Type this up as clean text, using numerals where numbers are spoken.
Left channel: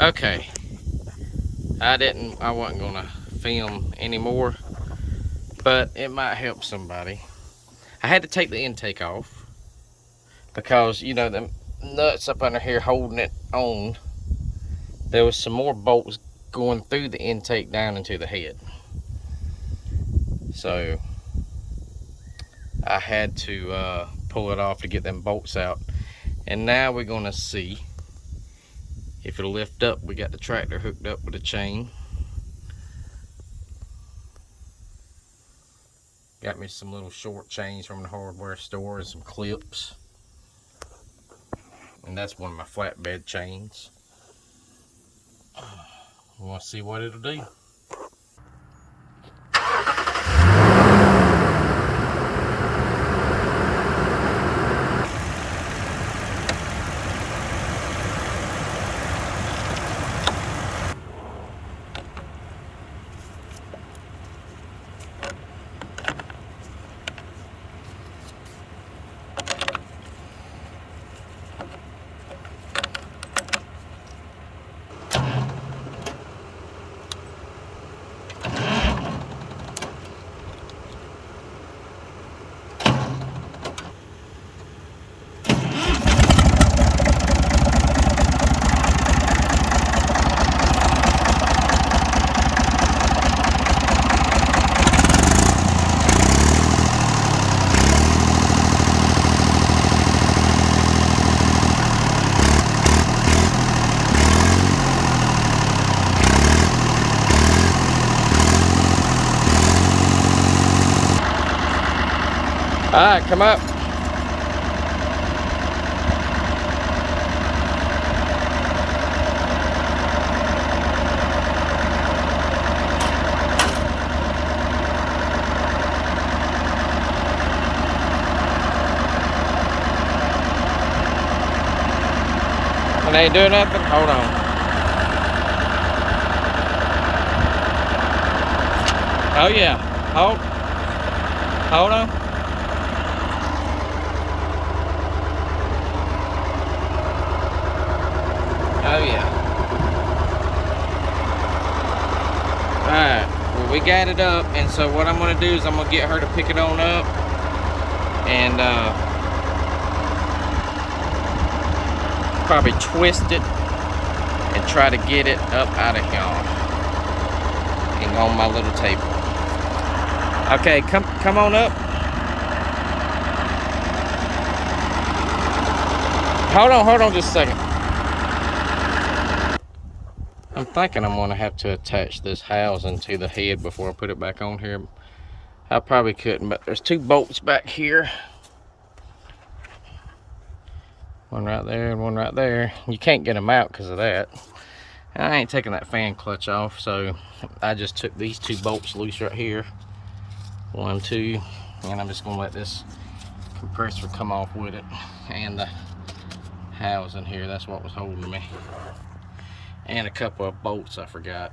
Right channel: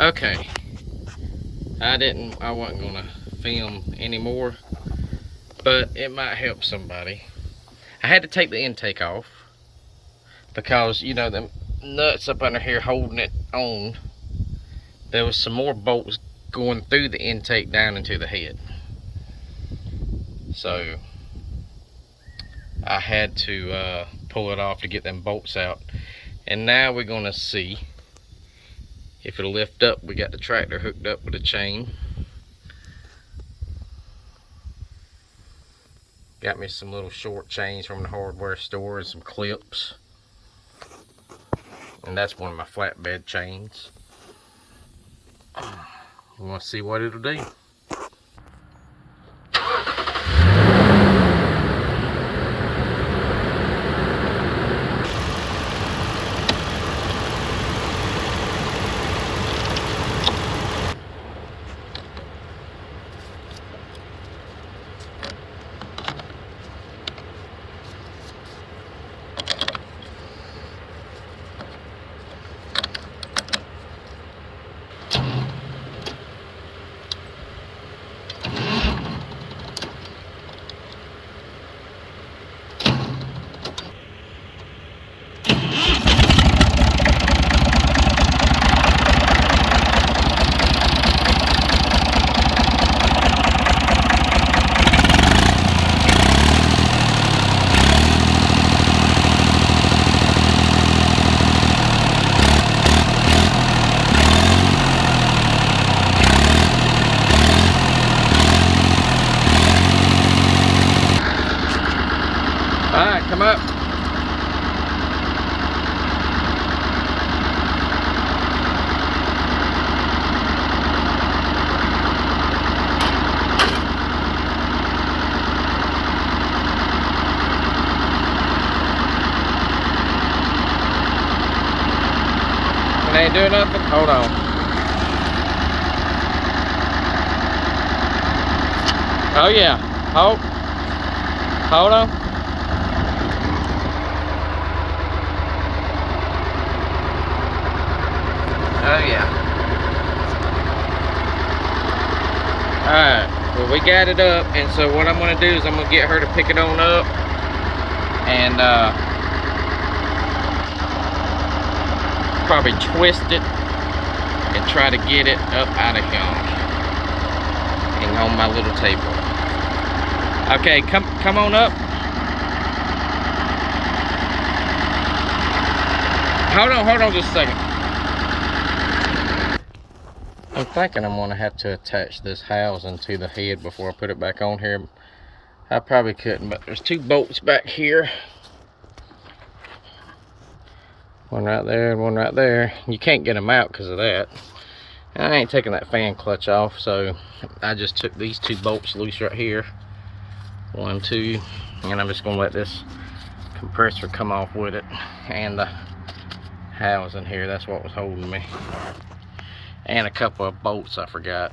Okay, I wasn't gonna film anymore, but it might help somebody. I had to take the intake off because, you know, the nuts up under here holding it on, there was some more bolts going through the intake down into the head. So I had to pull it off to get them bolts out. And now we're gonna see if it'll lift up. We got the tractor hooked up with a chain. Got me some little short chains from the hardware store and some clips. And that's one of my flatbed chains. We want to see what it'll do. All right, come up. It ain't doing nothing. Hold on. Oh yeah. Hold on. Oh yeah. Alright, well, we got it up, and so what I'm going to do is I'm going to get her to pick it on up and probably twist it and try to get it up out of here and on my little table. Okay, come on up. Hold on just a second. I'm thinking I'm gonna have to attach this housing to the head before I put it back on here. I probably couldn't, but there's two bolts back here. One right there and one right there. You can't get them out because of that. I ain't taking that fan clutch off, so I just took these two bolts loose right here. 1, 2, and I'm just gonna let this compressor come off with it. And the housing here, that's what was holding me. And a couple of bolts I forgot.